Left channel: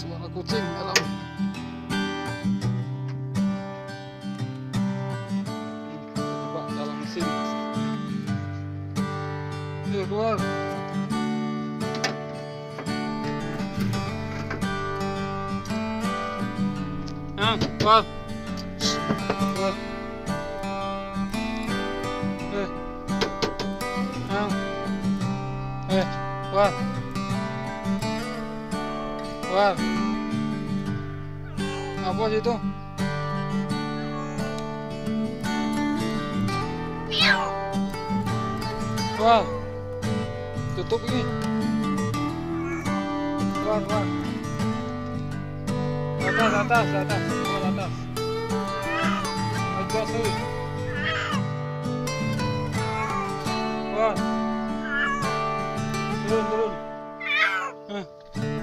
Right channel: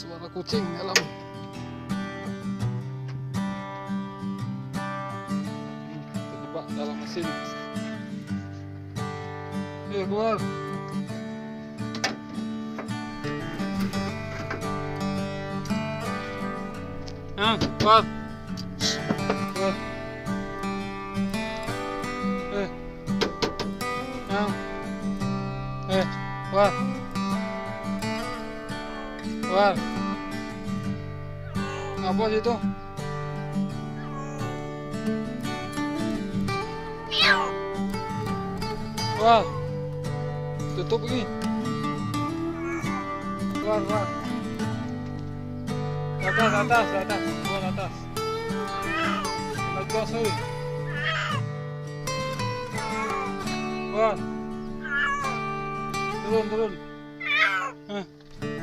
Suara kucing dalam. Terjebak dalam mesin. Keluar. Keluar. Keluar. Keluar. Keluar. Apa situ? Keluar. Tutup ini. Keluar, keluar. Atas, atas, atas. Keluar atas. Atas sih. Keluar. Turun, turun.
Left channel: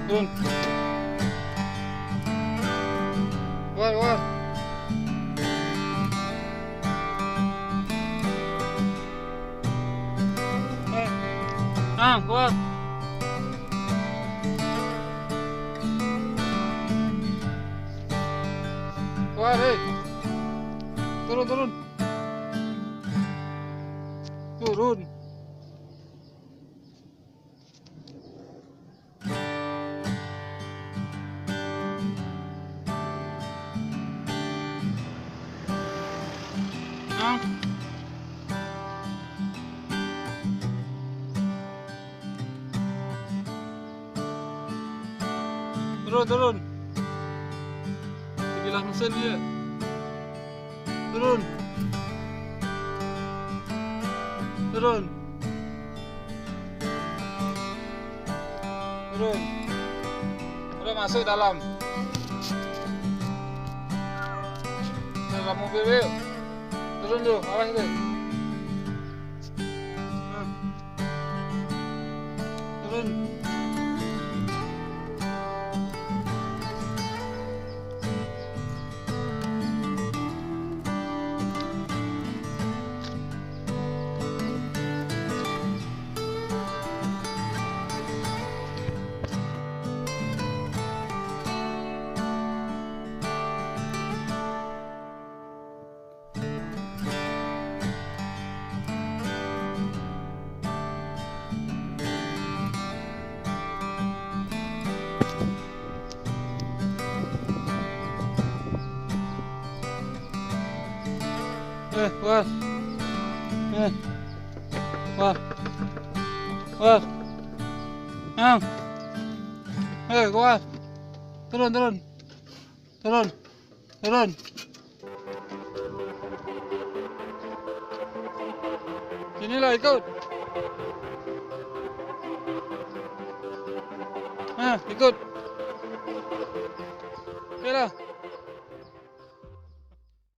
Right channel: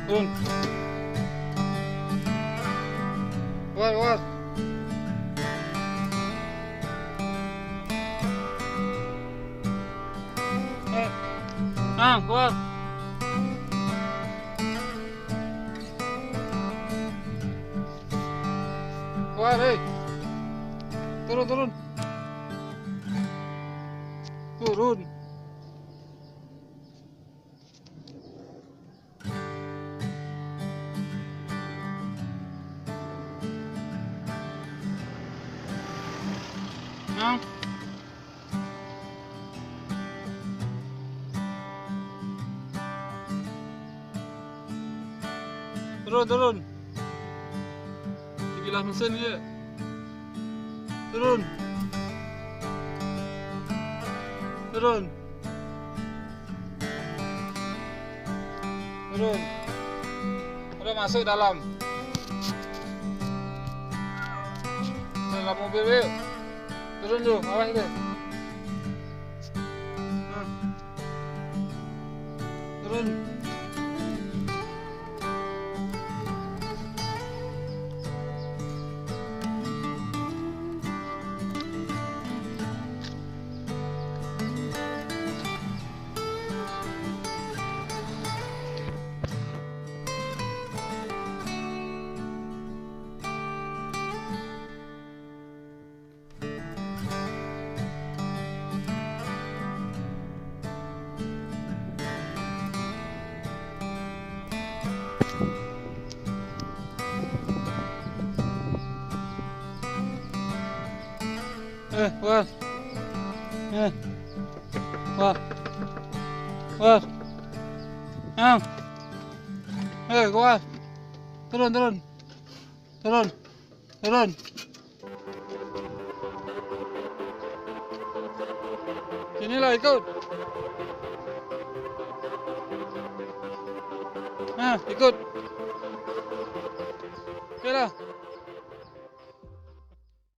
Turun. Keluar, keluar. Keluar. Keluar, hei. Turun, turun. Turun. Turun, turun. Terbilah mesin dia. Turun. Turun. Turun. Udah masuk dalam. Dalam mobil yuk. Turun dulu, awas itu. Turun. Keluar. Keluar. Keluar. Keluar. Turun, turun. Turun. Turun. Sinilah ikut. Ikut. Oke lah.